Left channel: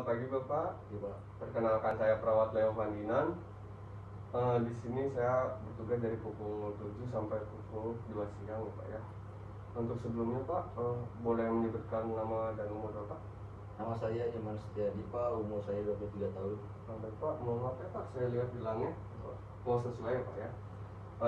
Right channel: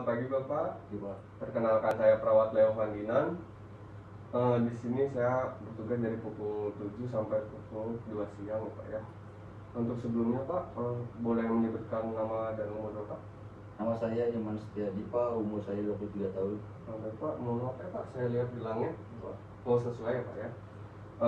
Selamat pagi Bapak. Gimana? Perkenalkan saya Perawat Leo Ferdinand. Di sini saya bertugas dari pukul 7 sampai pukul 2 siang Bapak ya. Untuk sebelumnya Pak, boleh menyebutkan nama dan umur Bapak? Nama saya Iman Setiadi Pak, umur saya 23 tahun. Bapak, mau apa Pak? Saya lihat di langit. Oh, sesuai ya Pak ya.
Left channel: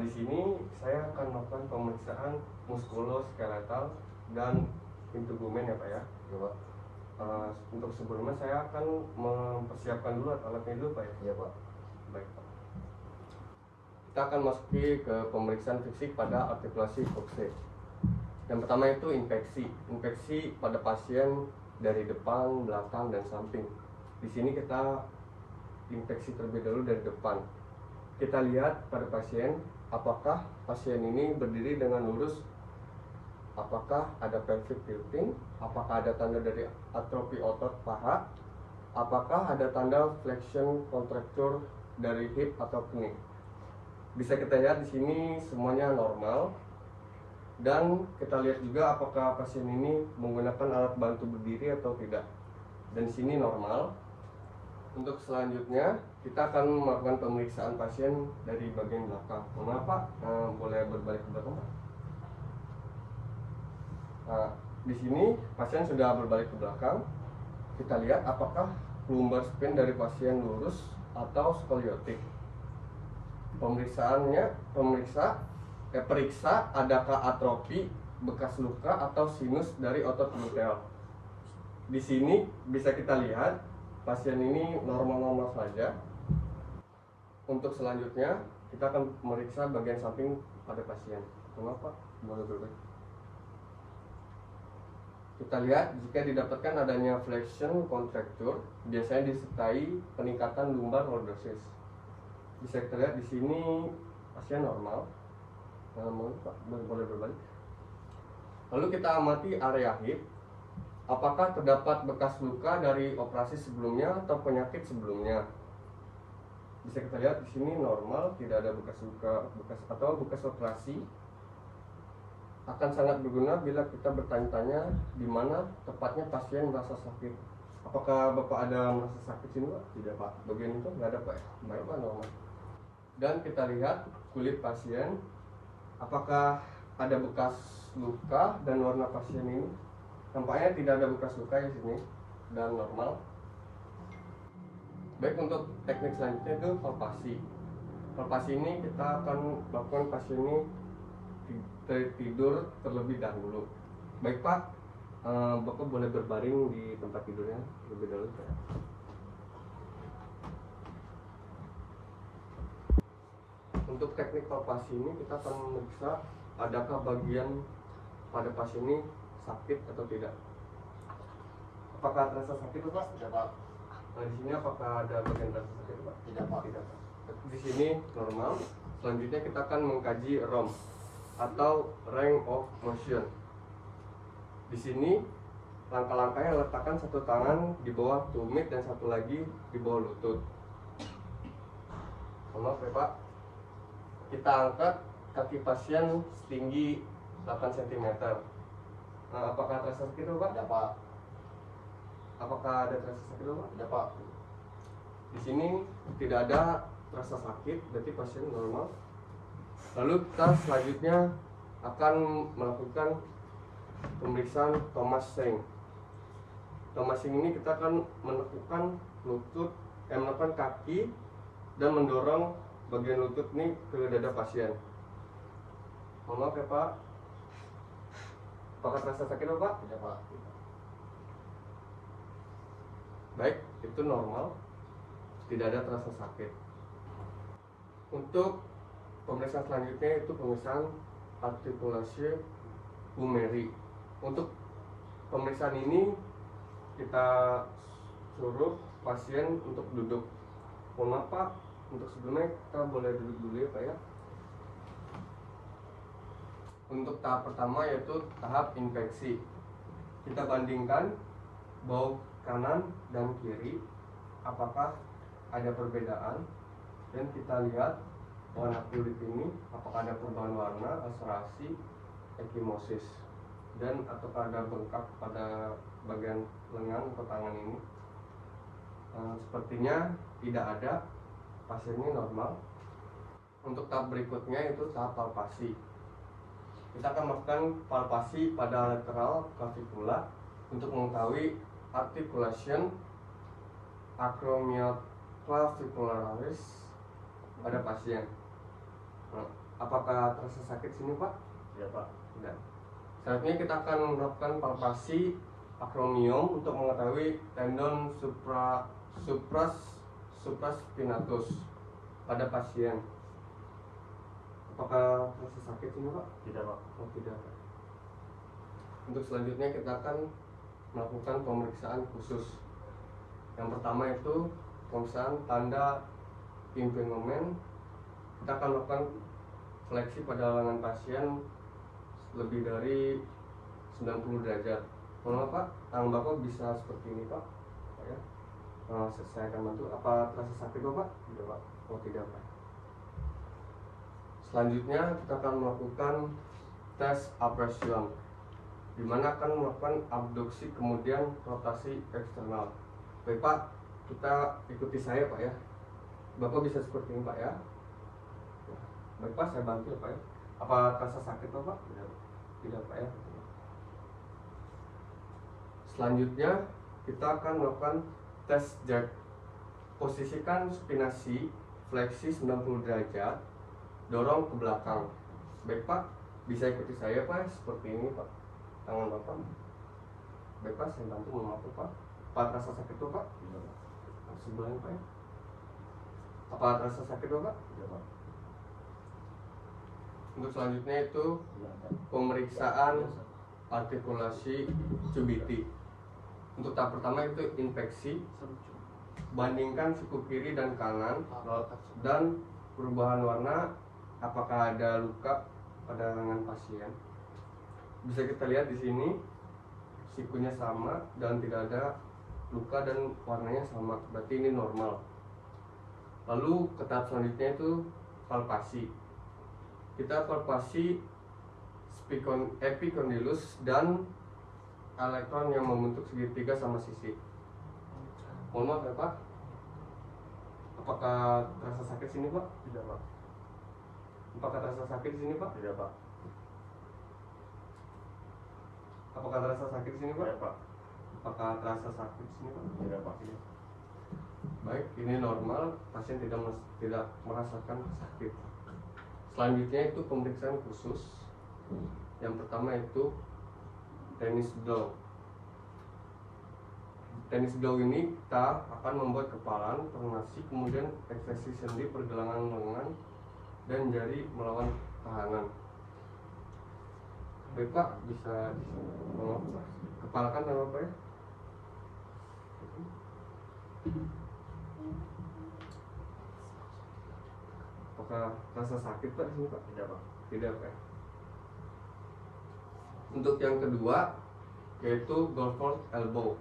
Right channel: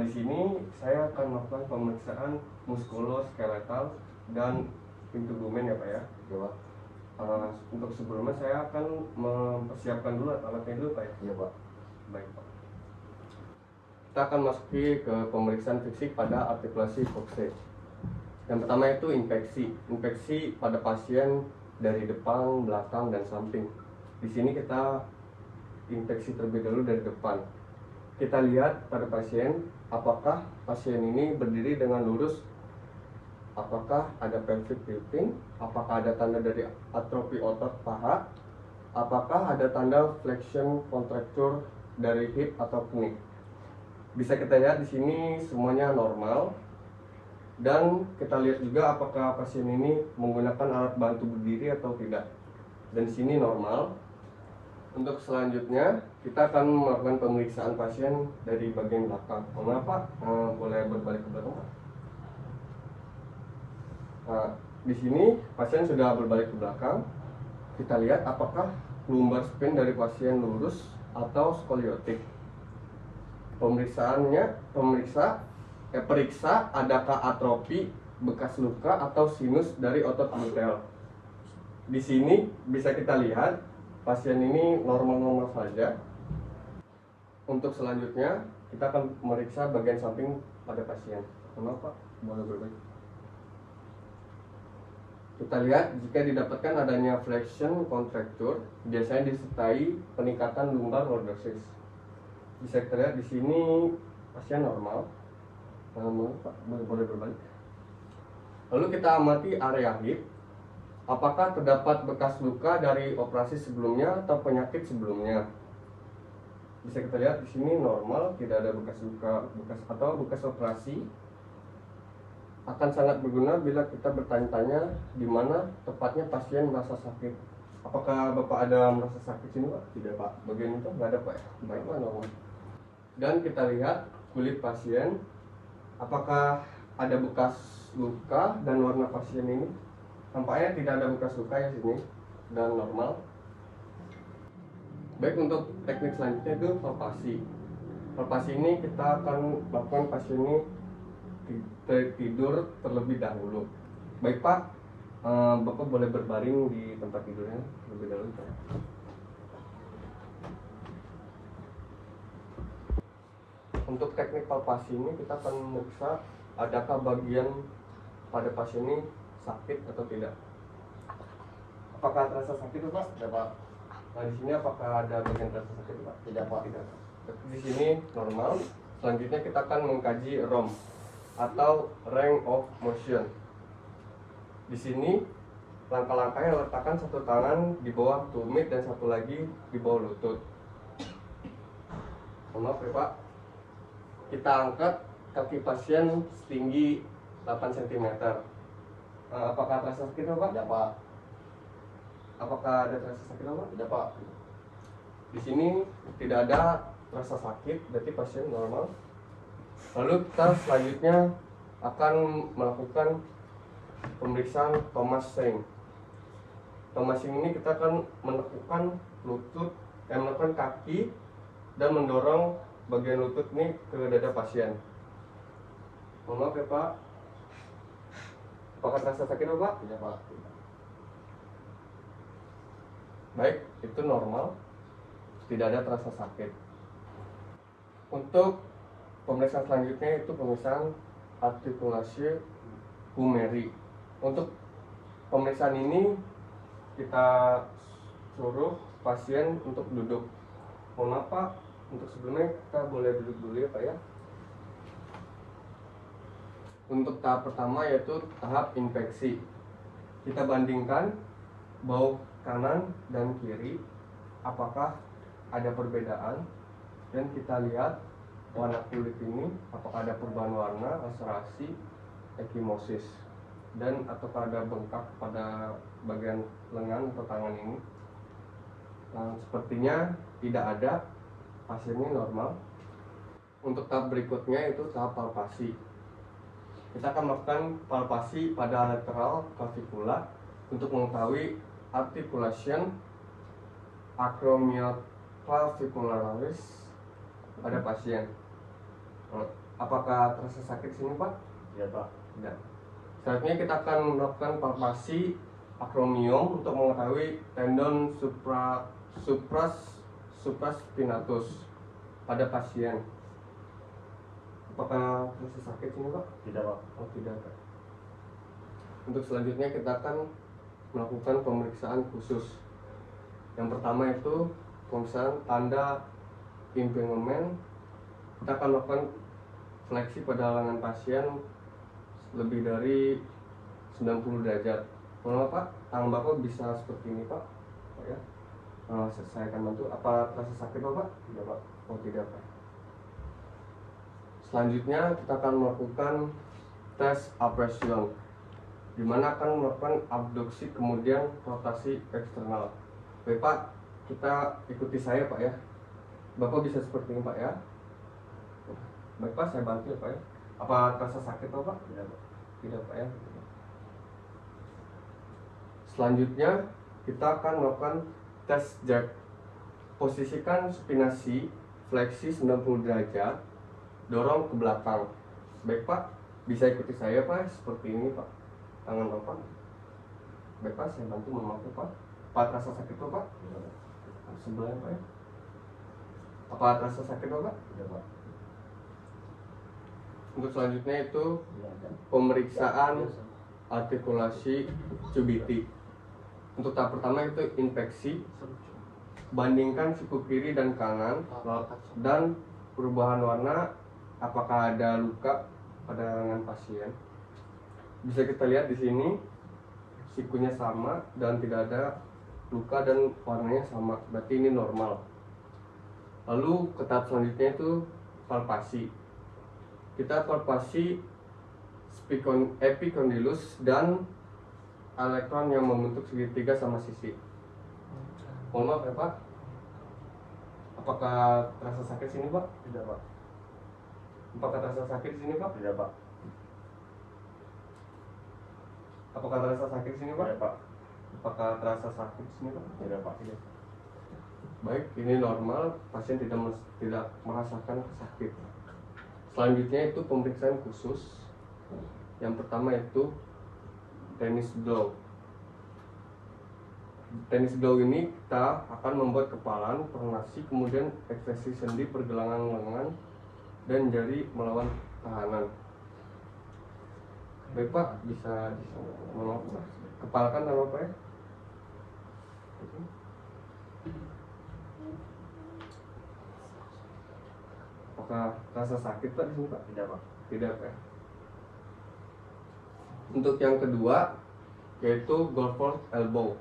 Di sini saya akan melakukan pemeriksaan muskuloskeletal dan pintu bumen ya Pak ya. Ya Pak. Untuk sebelumnya saya akan mempersiapkan dulu alat-alatnya dulu Pak ya. Iya Pak. Baik Pak. Kita akan masuki ke pemeriksaan fisik pada artikulasi kokse. Yang pertama itu infeksi pada pasien dari depan, belakang, dan samping. Di sini kita infeksi terlebih dahulu dari depan. Kita lihat pada pasien, apakah pasien ini berdiri dengan lurus, apakah ada pelvic tilting, apakah ada tanda dari atrofi otot paha, apakah ada tanda flexion contracture dari hip atau knie. Bisa kita lihat di sini semuanya normal. Dan kita lihat juga apakah pasien ini menggunakan alat bantu berdiri atau tidak. Dan di sini normal. Untuk selanjutnya kita akan melakukan pemeriksaan pasien dari bagian belakang. Mengapa? Boleh berbalik ke belakang. Nah, di sini pasien sudah berbalik ke belakang. Kita lihat apakah lumbar spine dari pasien lurus atau skoliotik. Periksa adakah atrofi, bekas luka atau sinus dari otot gluteal. Di sini bisa kita lihat pasien ini normal-normal saja. Untuk selanjutnya kita akan memeriksa bagian samping pada pasien. Kenapa? Boleh berbalik. Kita lihat jika didapatkan adanya flexion contracture, biasanya disertai peningkatan lumbar lordosis. Bisa kita lihat di sini pasien normal. Boleh berbalik. Lalu kita amati area hip. Apakah terdapat bekas luka dari operasi sebelumnya atau penyakit sebelumnya? Bisa kita lihat di sini normal, tidak ada bekas luka, bekas operasi. Akan sangat berguna bila kita bertanya-tanya di mana tepatnya pasien merasa sakit. Apakah Bapak ada merasa sakit sini Pak? Tidak Pak. Bagian itu nggak ada Pak ya? Baik Pak, normal. Dan kita lihat kulit pasien. Apakah ada bekas luka dan warna pasien ini? Tampaknya tidak ada bekas luka di sini dan normal. Baik, untuk teknik selanjutnya itu palpasi. Palpasi ini kita akan lakukan pasien ini tidur terlebih dahulu. Baik Pak, Bapak boleh berbaring di tempat tidurnya terlebih dahulu. Untuk teknik palpasi ini kita akan memeriksa adakah bagian pada pasien ini sakit atau tidak. Apakah terasa sakit Pak? Tidak Pak. Nah di sini apakah ada bagian terasa sakit Pak? Tidak Pak. Tidak. Di sini normal. Selanjutnya kita akan mengkaji ROM atau range of motion. Di sini langkah-langkahnya letakkan satu tangan di bawah tumit dan satu lagi di bawah lutut. Maaf ya Pak. Kita angkat kaki pasien setinggi 8 cm. Apakah terasa sakit Pak? Tidak Pak. Apakah ada terasa sakit Pak? Tidak Pak. Di sini tidak ada terasa sakit, berarti pasien normal. Lalu kita selanjutnya akan melakukan pemeriksaan Thomas Seng. Thomas Seng ini kita akan menekukkan menekan kaki dan mendorong bagian lutut ini ke dada pasien. Mohon maaf ya Pak. Apakah terasa sakit Pak? Tidak Pak. Baik, itu normal. Tidak ada terasa sakit. Untuk pemeriksaan selanjutnya itu pemeriksaan artikulasi humeri. Untuk pemeriksaan ini kita suruh pasien untuk duduk. Mohon maaf Pak, untuk sebelumnya kita boleh duduk dulu ya Pak ya. Untuk tahap pertama yaitu tahap infeksi. Kita bandingkan bahu kanan dan kiri, apakah ada perbedaan, dan kita lihat warna kulit ini apakah ada perubahan warna, laserasi, ekimosis, dan apakah ada bengkak pada bagian lengan atau tangan ini. Nah, sepertinya tidak ada, pasiennya normal. Untuk tahap berikutnya itu tahap palpasi. Kita akan melakukan palpasi pada lateral clavicula untuk mengetahui articulation acromioclavicularis pada pasien. Apakah terasa sakit di sini, Pak? Ya Pak. Tidak. Selanjutnya kita akan melakukan palpasi acromion untuk mengetahui tendon supraspinatus pada pasien. Apakah terasa sakit sini, Pak? Tidak Pak. Oh, tidak, Pak. Untuk selanjutnya kita akan melakukan pemeriksaan khusus. Yang pertama itu pemeriksaan tanda impingement. Kita akan melakukan fleksi pada lengan pasien lebih dari 90 derajat. Mohon maaf, Pak, tangan Bapak bisa seperti ini, Pak. Ya. Nah, saya akan bantu. Apa terasa sakit, Bapak? Tidak Pak. Oh, tidak, Pak. Selanjutnya kita akan melakukan tes abrasion, di mana akan melakukan abduksi kemudian rotasi eksternal. Baik, Pak, kita ikuti saya, Pak, ya. Bapak bisa seperti ini, Pak, ya. Baik, Pak, saya bantu ya, Pak, ya. Apa terasa sakit, Pak? Tidak Pak. Tidak, Pak, ya. Selanjutnya kita akan melakukan tes jerk. Posisikan supinasi fleksi 90 derajat, dorong ke belakang. Baik, Pak, bisa ikuti saya, Pak, seperti ini, Pak. Tangan Bapak. Baik, Pak, saya bantu memakai, Pak. Apa terasa sakit, Pak? Tidak Pak. Sebelah, Pak, ya. Apa terasa sakit, Pak? Tidak Pak. Untuk selanjutnya itu Tidak ada. pemeriksaan artikulasi cubiti. Untuk tahap pertama itu infeksi. Bandingkan siku kiri dan kanan dan perubahan warna, apakah ada luka pada lengan pasien. Bisa kita lihat di sini sikunya sama dan tidak ada luka dan warnanya sama, berarti ini normal. Lalu ke tahap selanjutnya itu palpasi. Kita palpasi epicondylus dan elektron yang membentuk segitiga sama sisi. Mohon maaf ya, Pak. Apakah terasa sakit sini, Pak? Tidak Pak. Apakah terasa sakit di sini, Pak? Tidak Pak. Apakah terasa sakit di sini, Pak? Tidak Pak. Apakah terasa sakit di sini, Pak? Tidak Pak. Tidak. Baik, ini normal, pasien tidak merasakan sakit. Selanjutnya itu pemeriksaan khusus. Yang pertama itu tennis blow. Tennis blow ini kita akan membuat kepalan, pernasi, kemudian ekspresi sendi, pergelangan lengan, dan jari melawan tahanan. Baik, Pak, bisa kepalkan tangan Pak, ya. Apakah rasa sakit, Pak, di sini, Pak? Tidak Pak. Tidak, Pak. Untuk yang kedua yaitu golf elbow.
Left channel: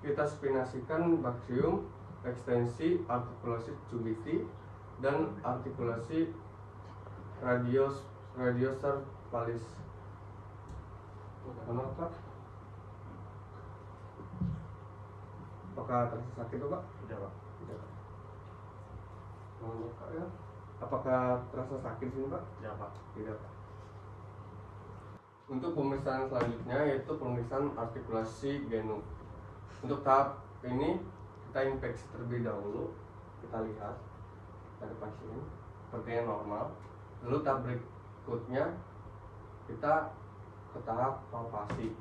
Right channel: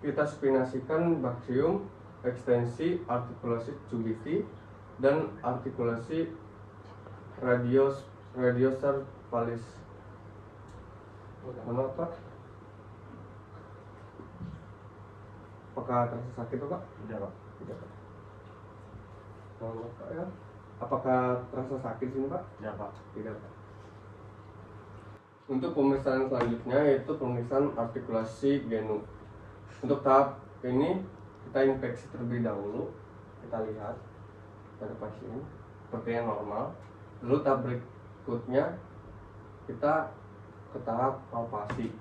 Kita spinasikan baksium, ekstensi, artikulasi cubiti, dan artikulasi radiocervicalis. Nama, Pak? Apakah terasa sakit itu, Pak? Tidak Pak. Tidak, Pak. Kalau Pak, ya. Apakah terasa sakit sini, Pak? Tidak Pak. Tidak, Pak. Untuk pemeriksaan selanjutnya yaitu pemeriksaan artikulasi genu. Untuk tahap ini kita infeksi terlebih dahulu. Kita lihat pada pasien sepertinya normal. Lalu tahap berikutnya kita ke tahap palpasi.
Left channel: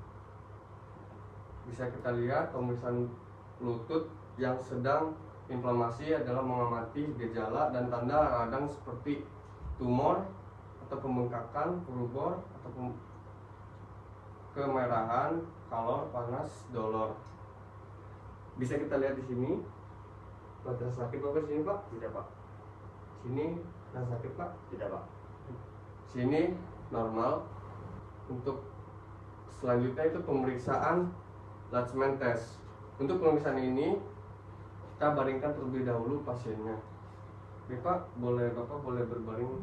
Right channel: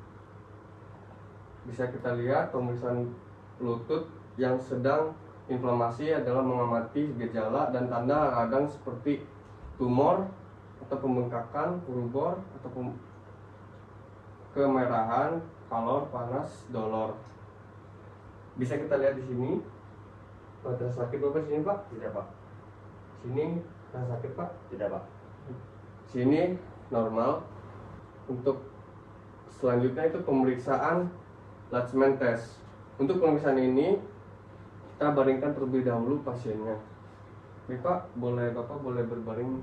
Bisa kita lihat pemeriksaan lutut yang sedang inflamasi adalah mengamati gejala dan tanda radang seperti tumor atau pembengkakan, rubor atau kemerahan, kalor, panas, dolor. Bisa kita lihat di sini. Pada sakit Bapak di sini, Pak? Tidak Pak. Sini rasa sakit, Pak? Tidak Pak. Sini normal. Untuk selanjutnya itu pemeriksaan Latchman test. Untuk pemeriksaan ini kita baringkan terlebih dahulu pasiennya. Baik, Pak, Bapak boleh berbaring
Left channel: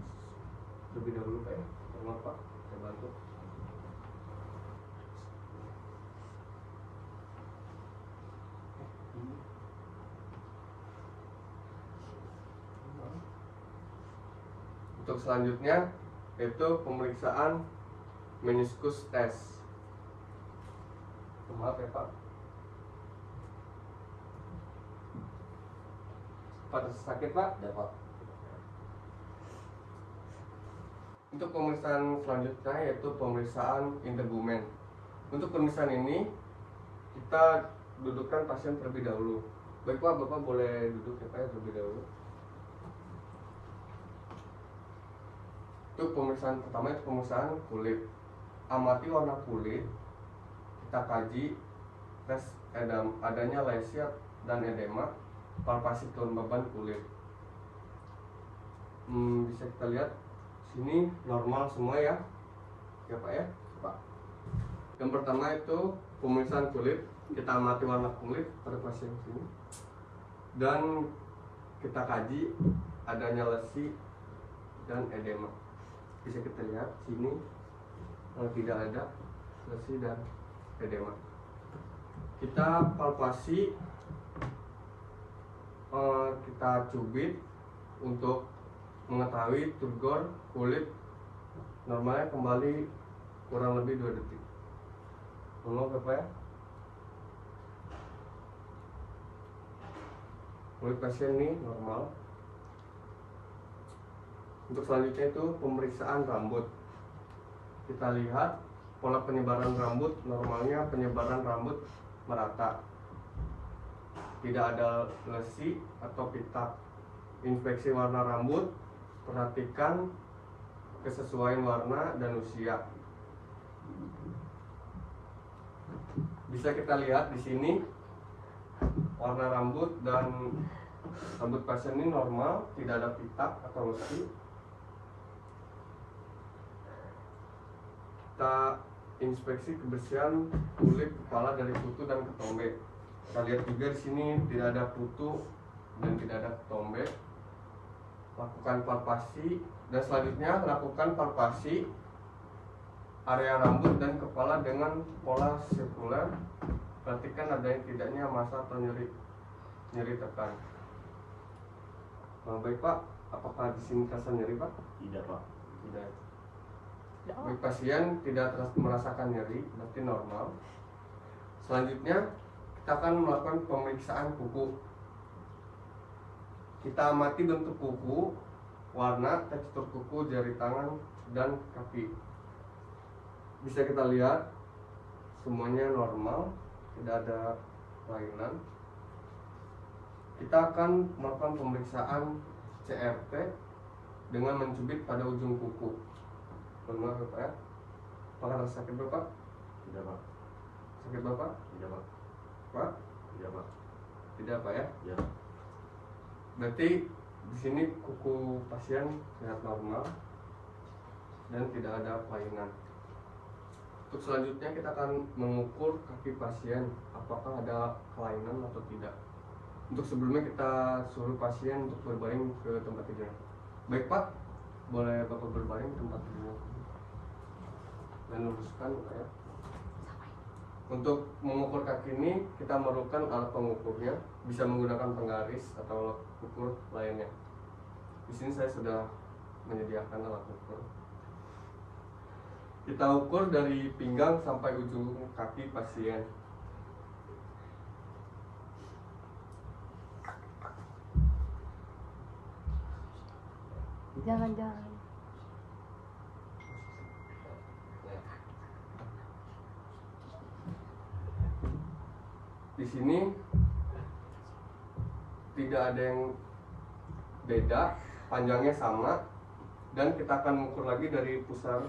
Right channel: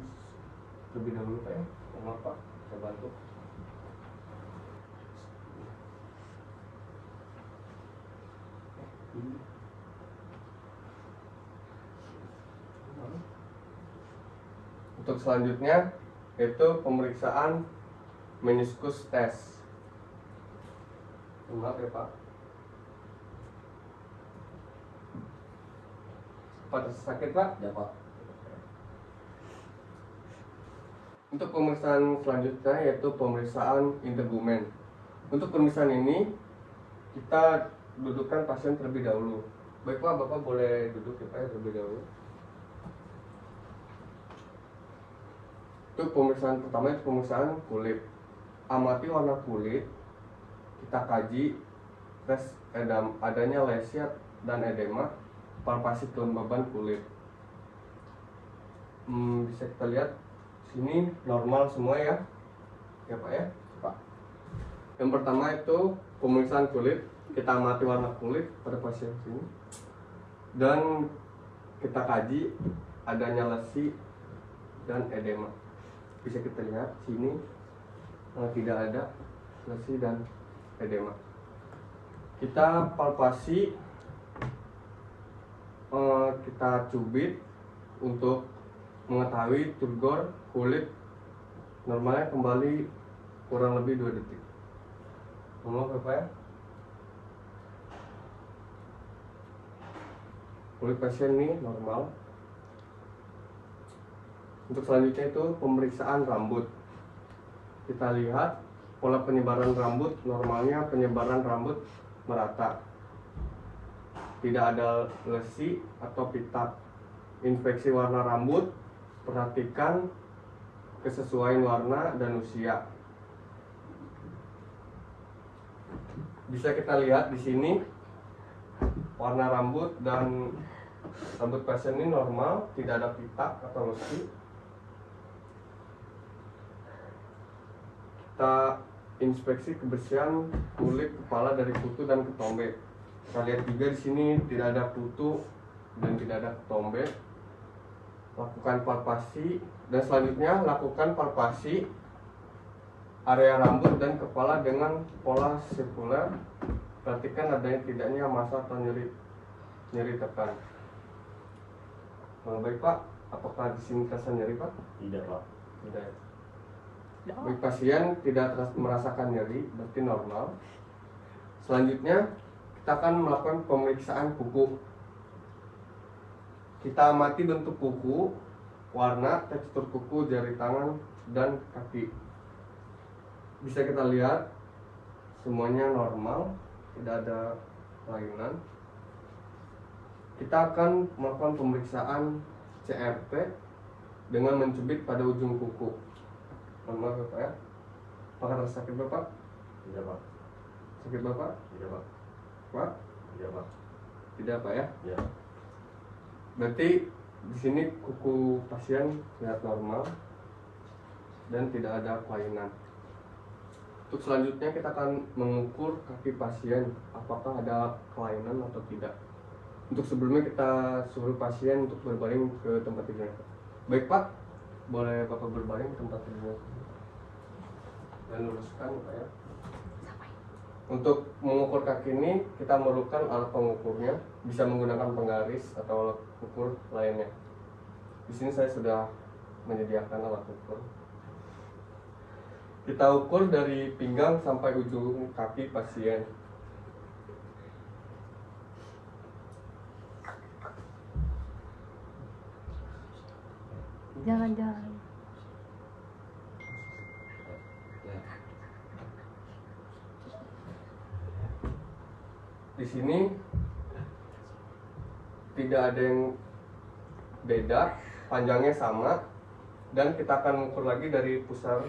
lebih dahulu, Pak, ya. Maaf, Pak, saya bantu. Untuk selanjutnya yaitu pemeriksaan meniskus test. Maaf ya Pak. Pada sakit Pak? Tidak Pak. Untuk pemeriksaan selanjutnya yaitu pemeriksaan integumen. Untuk pemeriksaan ini kita dudukkan pasien terlebih dahulu. Baik Pak, Bapak boleh duduk ya Pak ya, terlebih dahulu. Untuk pemeriksaan pertama itu pemeriksaan kulit. Amati warna kulit, kita kaji tes adanya lesia dan edema, palpasi kelembaban kulit. Bisa kita lihat sini normal semua ya Pak ya. Pak. Yang pertama itu pemeriksaan kulit, kita amati warna kulit pada pasien sini dan kita kaji adanya lesi dan edema. Bisa kita lihat sini tidak ada lesi dan edema. Kita palpasi, kita cubit untuk mengetahui turgor kulit normalnya kembali kurang lebih 2 detik. Ngomong Bapak ya. Kulit pasien ini normal. Untuk selanjutnya itu pemeriksaan rambut. Kita lihat pola penyebaran rambut, normalnya penyebaran rambut merata. Tidak ada lesi atau pitak. Inspeksi warna rambut, perhatikan kesesuaian warna dan usia. Bisa kita lihat di sini warna rambut dan rambut pasien ini normal, tidak ada pitak atau lesi. Kita inspeksi kebersihan kulit kepala dari kutu dan ketombe. Kita lihat juga di sini tidak ada kutu dan tidak ada ketombe. Lakukan palpasi dan selanjutnya lakukan palpasi area rambut dan kepala dengan pola sirkuler. Perhatikan adanya tidaknya massa atau nyeri tekan. Baik Pak, apakah di sini terasa nyeri Pak? Tidak Pak. Tidak. Bagi pasien tidak merasakan nyeri, berarti normal. Selanjutnya kita akan melakukan pemeriksaan kuku. Kita amati bentuk kuku, warna, tekstur kuku, jari tangan, dan kaki. Bisa kita lihat semuanya normal, tidak ada kelainan. Kita akan melakukan pemeriksaan CRT dengan mencubit pada ujung kuku. Maaf Bapak ya. Apakah ada sakit Bapak? Tidak Pak. Sakit Bapak? Tidak Pak. Pak? Tidak Pak. Tidak Pak ya. Ya. Berarti di sini kuku pasien sangat normal dan tidak ada kelainan. Untuk selanjutnya kita akan mengukur kaki pasien apakah ada kelainan atau tidak. Untuk sebelumnya kita suruh pasien untuk berbaring ke tempat tidur. Baik Pak, boleh Bapak berbaring ke tempat tidur dan luruskan Pak ya. Untuk mengukur kaki ini kita memerlukan alat pengukurnya, bisa menggunakan penggaris atau alat ukur lainnya. Di sini saya sudah menyediakan alat ukur. Kita ukur dari pinggang sampai ujung kaki pasien. Jangan. Di sini tidak ada yang beda, panjangnya sama, dan kita akan mengukur lagi dari pusar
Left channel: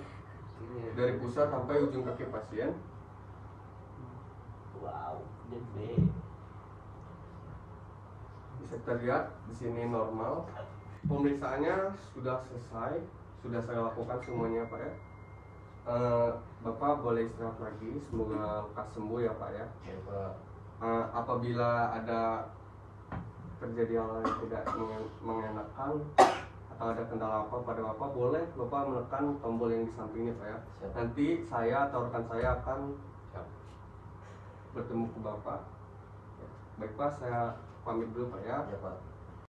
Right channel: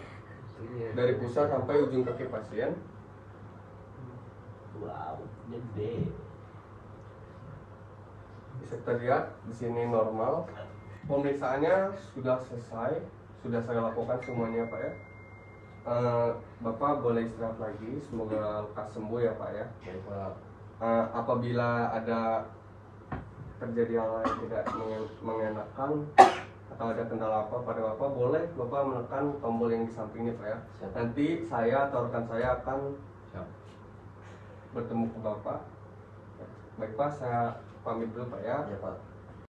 sampai ujung kaki pasien. Wow, gede. Bisa kita lihat di sini normal. Pemeriksaannya sudah selesai, sudah saya lakukan semuanya Pak ya. Bapak boleh istirahat lagi, semoga lekas sembuh ya Pak ya. Baik Pak. Apabila ada terjadi hal yang tidak mengenakan atau ada kendala apa pada Bapak, boleh Bapak menekan tombol yang di sampingnya Pak ya. Siap. Nanti saya atau rekan saya akan Siap. bertemu ke Bapak. Baik Pak, saya pamit dulu Pak ya. Ya Pak.